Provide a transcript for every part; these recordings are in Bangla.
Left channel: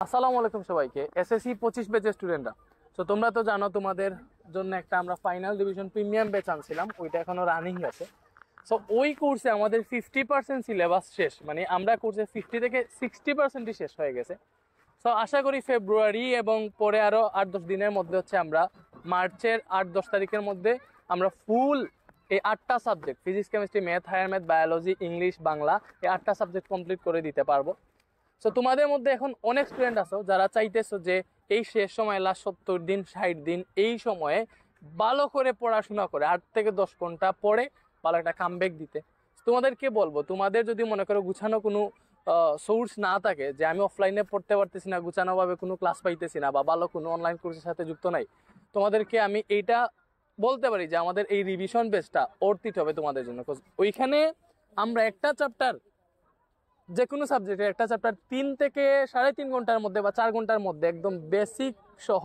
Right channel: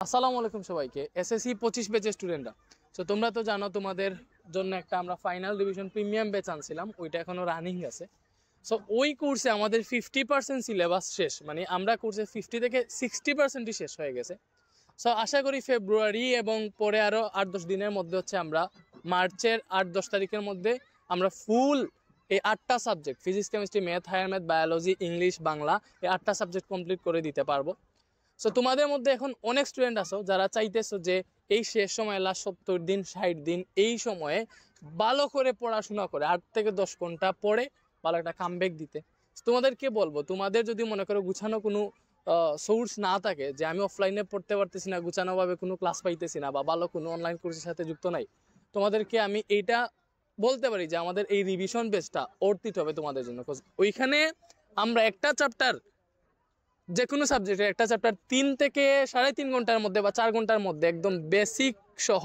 আসসালামু আলাইকুম সবাইকে। এসএসসি 25 ব্যাচের স্টুডেন্টরা, সো তোমরা তো জানো তোমাদের জন্য একটা আমরা ফাইনাল ডিভিশন প্রিমিয়াম ব্যাচ আনছিলাম, ওইটা এখনো রানিং আছে। সো ওই কোর্সে আমাদের 50% সিলেবাস শেষ, মানে আমরা কোর্সে 50 থেকে 60%ই শেষ হয়ে গেছে। সো আশা করি ফেব্রুয়ারি এবং পরে আরও 8-10 দিনের মধ্যে হচ্ছে আমরা মার্চের 8-10 তারিখের মধ্যে আমরা ফুল এই 8টা subject physics, chemistry, math, higher math, biology, English, Bangla, এই 8টা সাবজেক্ট কমপ্লিট করে দিতে পারবো। সো তোমাদের মধ্যে এখন অনেক স্টুডেন্ট আছো যারা চাইতেছো যে এই শেষ সময় লাস্ট 70 দিন 60 দিন এই সময়ে ভালো করে পড়াশোনা করে 8 থেকে 10 ঘন্টা পড়ে ভালো একটা কামব্যাক দিতে। তোমাদেরকে বলবো, তোমাদের যদি মনে করো গুছানো কোনো সোর্স না থাকে, যে আমি অফলাইনে পড়তে পারতেছি না, গুছানোভাবে কোনো ক্লাস পাইতেছি না, বা ভালো কোনো অনলাইন কোর্সের সাথে যুক্ত নাই, তোমাদেরকে আমি এইটা বলতে পারি যে আমাদের এই রিভিশন বেসটা অর্থিত হবে তোমাদের জন্য। ওইখানে আমরা একটা চ্যাপ্টার, যে কোনো সাবজেক্টের একটা চ্যাপ্টার 3 থেকে 3.5 ঘন্টার মধ্যে বা 4 ঘন্টার মধ্যে একদম বেসিক সহ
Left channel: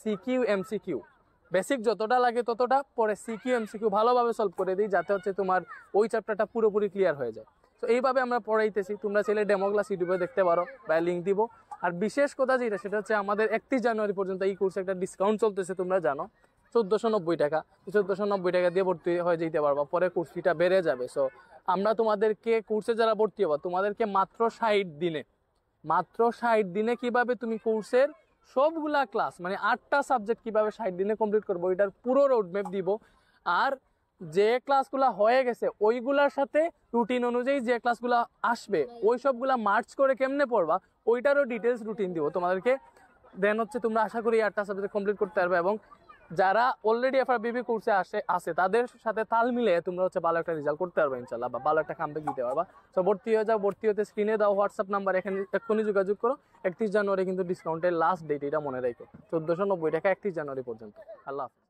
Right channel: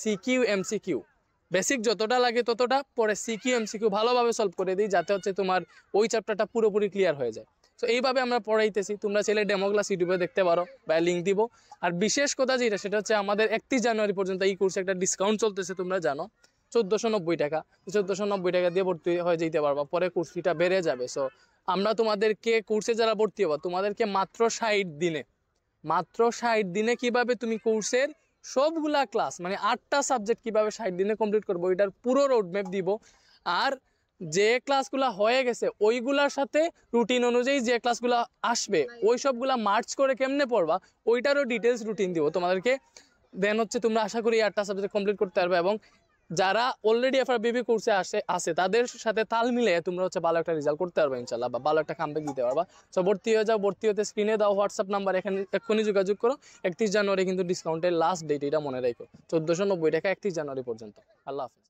সিকিউ এমসিকিউ, বেসিক যতটা লাগে ততটা পরে সিকিউ এমসিকিউ ভালোভাবে সলভ করে দিই, যাতে হচ্ছে তোমার ওই চ্যাপ্টারটা পুরোপুরি ক্লিয়ার হয়ে যায়। তো এইভাবে আমরা পড়াইতেছি, তোমরা চাইলে ডেমো ক্লাস ইউটিউবে দেখতে পারো বা লিঙ্ক দিব। আর বিশেষ কথা যেটা, সেটা হচ্ছে আমাদের 31 জানুয়ারি পর্যন্ত এই কোর্সে একটা ডিসকাউন্ট চলতেছে, তোমরা জানো 1490 টাকা। 1490 টাকা দিয়ে ভর্তি হয়ে যেতে পারবা, পরে কোর্স ফিটা বেড়ে যাবে। সো আমরা তোমাদেরকে কোর্সে যারা ভর্তি হবা, তোমাদেরকে মাত্র 60 দিনে কিভাবে তুমি কোর্সের সবগুলা ক্লাস, মানে 8টা সাবজেক্ট কিভাবে 60 দিনে কমপ্লিট করবো, এটার পুরো রোডম্যাপ দিব। আর যে ক্লাসগুলো হয়ে গেছে ওইগুলার সাথে রুটিন অনুযায়ী যে ক্লাসগুলো আসবে ওই সবগুলা মার্চ করে কেমনে পড়বা ওইটারও ডিটেলস রুটিন দিব তোমাদেরকে। দেন হচ্ছে তোমরা আশা করি 8টা সাবজেক্ট কমপ্লিট করতে পারবে, এবং যারা অলরেডি এফআরবিবি কোর্সে আছে তাদের সাথে তাল মিলিয়ে তোমরা হচ্ছে ভালো একটা রেজাল্ট করতে পারবে ইনশাল্লাহ, বা ভালো একটা কামব্যাক দিতে পারবা। সো ভর্তি হয়ে যাও, ভর্তি হতে স্ক্রিনে দাও হোয়াটসঅ্যাপ নাম্বার, এক্ষুনি যোগাযোগ করো। 31 জানুয়ারি কিন্তু ডিসকাউন্টের লাস্ট ডেট, এটা মনে রাখো, 1490 টাকা 31 জানুয়ারি পর্যন্ত। আল্লাহ হাফেজ।